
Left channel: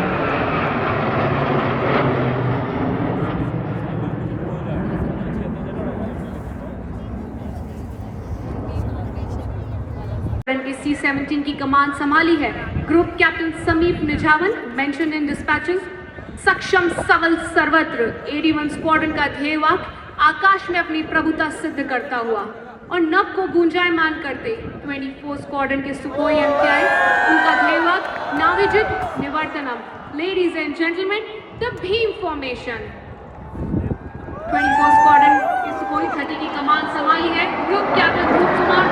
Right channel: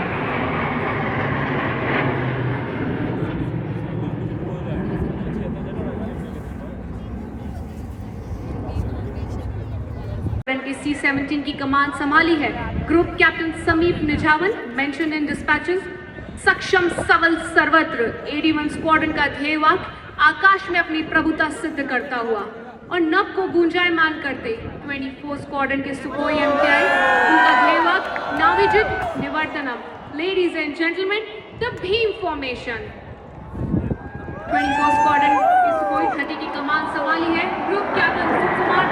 के C-17 की कमान संभाली है ग्रुप कैप्टन समीप निझावन, मेंशन इन डिस्पैचेस। सक्षम सबल सर्वत्र 81 स्क्वाड्रन का ध्येय वाक्य आकाश में अपनी प्रभुता सिद्ध करता हुआ और नभ को गुंजायमान करते 24 स्क्वाड्रन के सुखोई MTI, उनका ध्येय वाक्य नाविजित निवर्तनम। Ladies and gentleman, the Bhim formation. 24 squadron के सुखोई 30 की कमान संभाली है group captain Dhruv Kumar.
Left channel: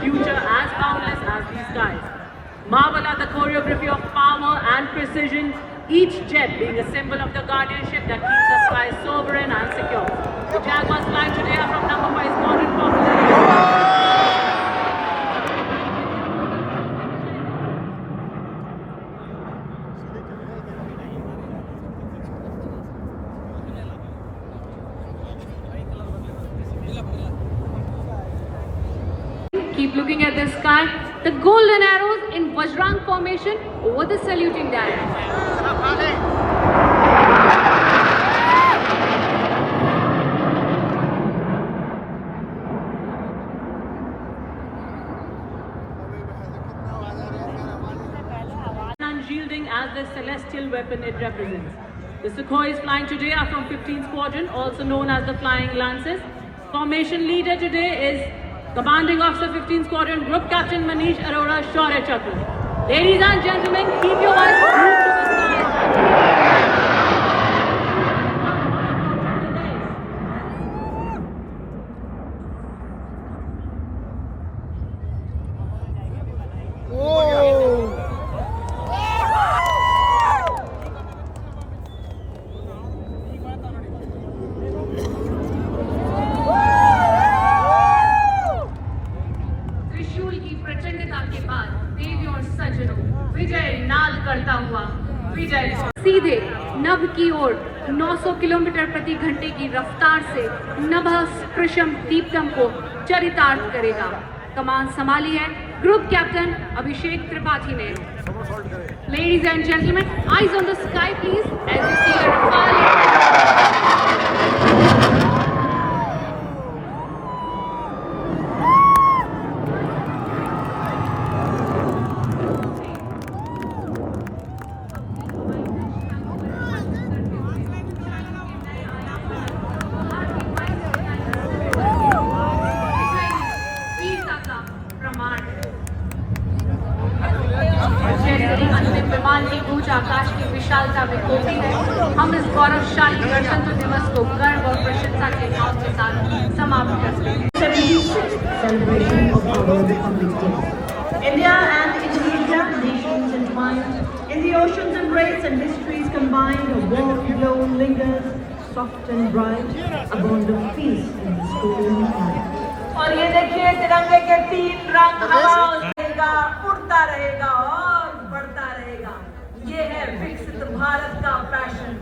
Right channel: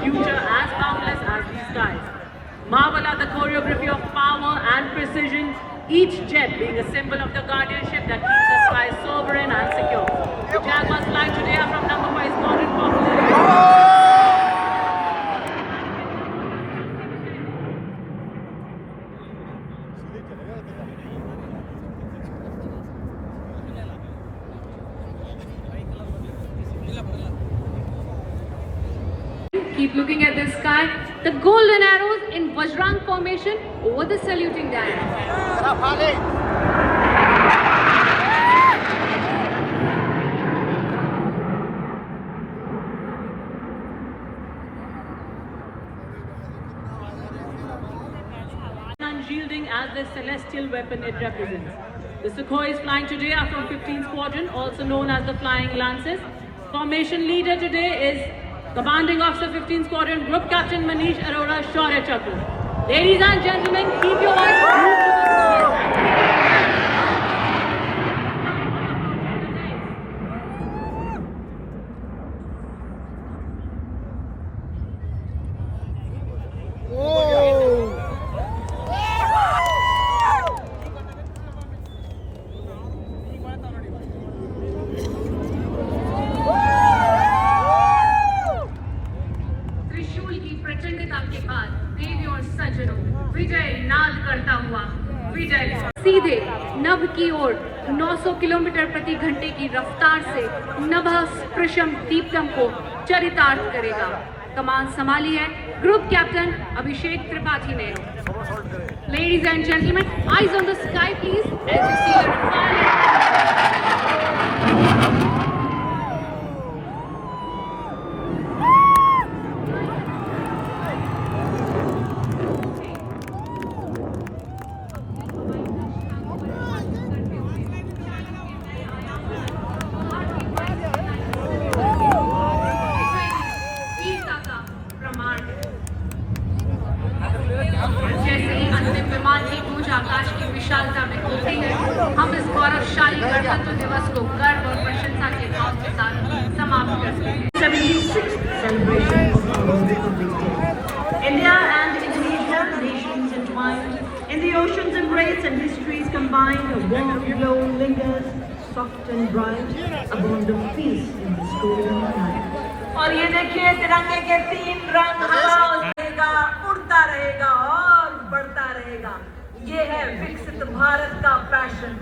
Future as boundless as the skies. Marvel at the choreography of power and precision, each jet being a symbol of the guardianship that keeps the sky sovereign and secure. The Jaguars flying today are from number 5 Squadron Popular. Keep looking at the sky. The golden arrows in Vajrang formation over the saluting dial. Unyielding as the celestial weapon it represents. The Sukhois flying today are from 15th Squadron, also known as the Flying Lances. Formation leader today is Commanding Officer 15th Squadron, Group Captain Manish Arora Shaurya Chakra. Ladies and gentlemen, keep your eyes glued to the sky. सीधे नभ की ओर 900 किलोमीटर प्रति घंटे की रफ्तार से नभः स्पृशम दीप्तम को चरितार्थ करेगा। कमान संभाली है ग्रुप कैप्टन अभिषेक त्रिपाठी ने। Ladies and gentlemen, eyes on the sky please as you see your Rafale. विमान की गूंज आकाश की विशालता में होती है। हम इस गौरवशाली गणतंत्र दिवस को गर्व और प्रशंसा के भाव के साथ समाप्त करते हैं। India and Indonesia, nations entwined in the ocean's embrace and histories combined, a warm glow lingers, soft and bright, a bond of peace in the stolen planet. और ये देखिए तिरंगे के 3 रंग हवा रहेगा, उड़ता रहेगा और बढ़ता रहेगा। ये है विकसित भारत का फैशन।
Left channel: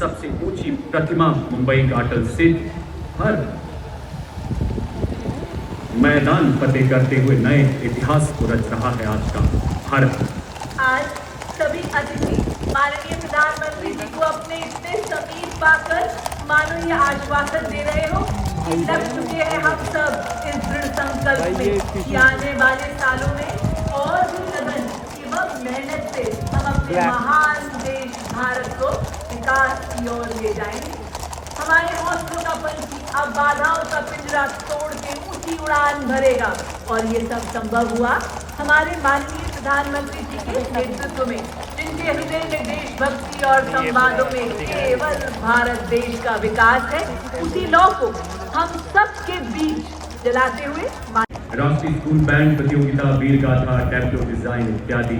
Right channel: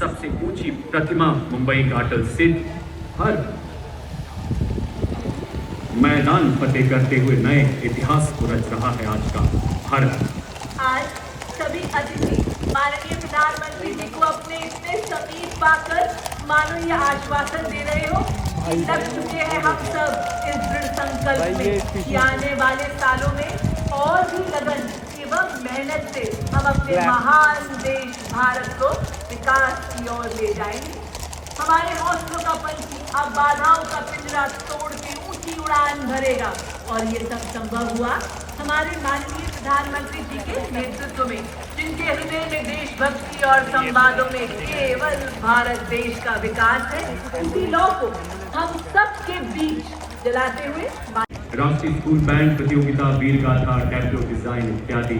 सबसे ऊंची प्रतिमा मुंबई का अटल सिद्ध हर मैदान फतेह करते हुए नए इतिहास को रच रहा है आज का भारत। आज सभी अतिथि माननीय प्रधानमंत्री जी को अपने इतने समीप पाकर मानो ये आश्वासन दे रहे हो। लग चुके हैं हम सब इस दृढ़ संकल्प में कि आने वाले सालों में और भी लगन एवं मेहनत से हम अपने महान देश भारत को विकास की ओर ले जाएंगे। हमारे हौसलों का पंच पिंजरा तोड़ के उसी उड़ान भरेगा। और ये सब संभव हुआ हमारे माननीय प्रधानमंत्री जी के नेतृत्व में, जिनके हृदय में देशभक्ति और संवादों में केवल भारत देश का विकास है। उसी लौ को हम सबके बीच जलाते हुए राष्ट्रीय स्कूल बैंड प्रतियोगिता, वीर गाथा, टैब्लो डिजाइन इत्यादि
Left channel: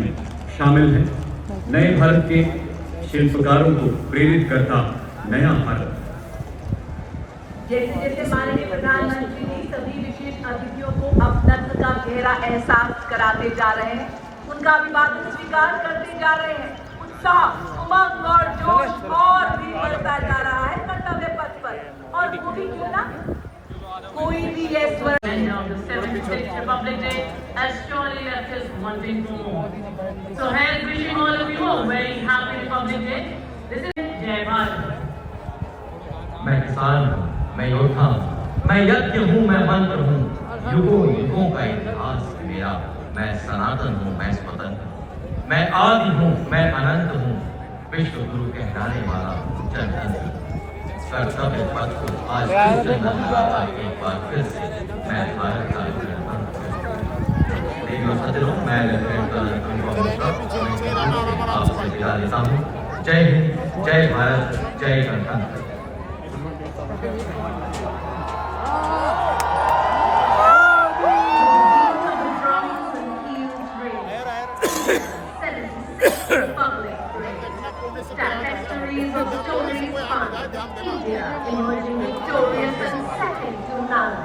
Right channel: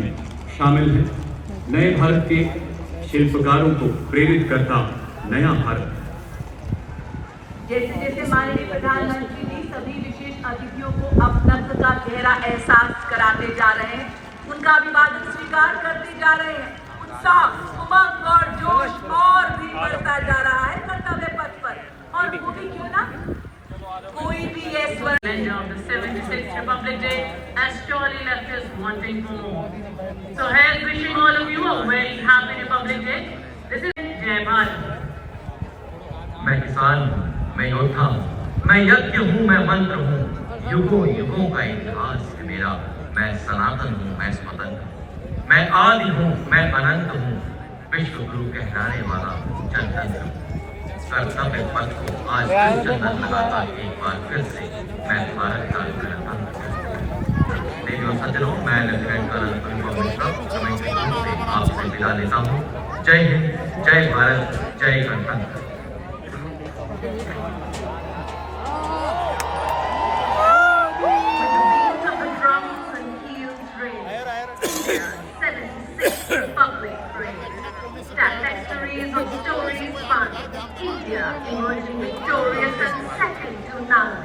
शामिल है। नए भारत के शिल्पकारों को प्रेरित करता नया भारत। जैसे जैसे माननीय प्रधानमंत्री जी सभी विशेष अतिथियों को अपनत्व का गहरा एहसास कराते जा रहे हैं, उनका अभिवादन स्वीकार करते जा रहे हैं, उत्साह, उमंग और जोश और भी बढ़ता जा रहा है कर्तव्य पथ पर। और वो भी क्यों ना, कोई भी ये स्वर the 76th Republic Day has surely left us wanting for more. So here's wishing all of you a very happy Republic Day. This is Jai Bharat. मैं किसान हूँ, मैं योद्धा हूँ, मैं यज्ञ हूँ, मैं मंत्र हूँ, युगों युगों का इतिहास है मेरा। मैं सनातन हूँ, मैं स्वतंत्र हूँ, मैं आदि हूँ, मैं अनंत हूँ, विश्व गुरु कहलाने वाला जनतंत्र। कर्तव्य पथ को आज फिर चंदन लगाता एक बार फिर से मैं भारत का गणतंत्र। देवियों सज्जनों, मैं लेफ्टिनेंट कर्नल आपसे विदा लेता हूँ। जय हिंद, जय भारत, जय गणतंत्र। India emerging victorious and second to none.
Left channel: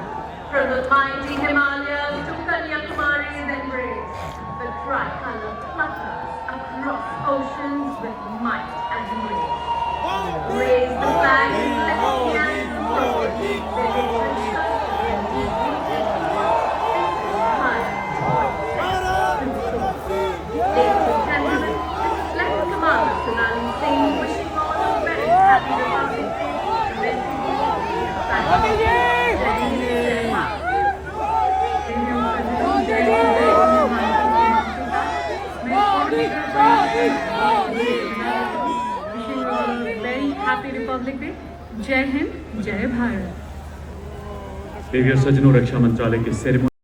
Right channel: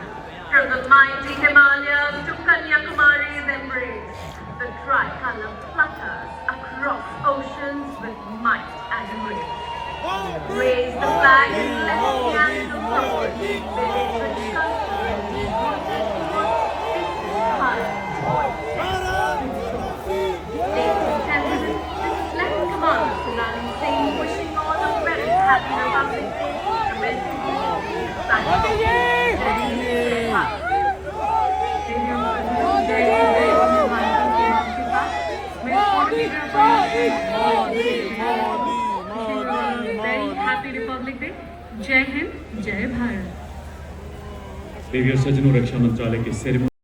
From the mighty Himalayas to Kanyakumari's embrace, the tricolor flutters across oceans with might and grace. Raise the flag in left hand and forward. Very happy Republic Day. जय हिंद, जय भारत। देवियों सज्जनों, रक्षा मंत्रालय के सेरेमनी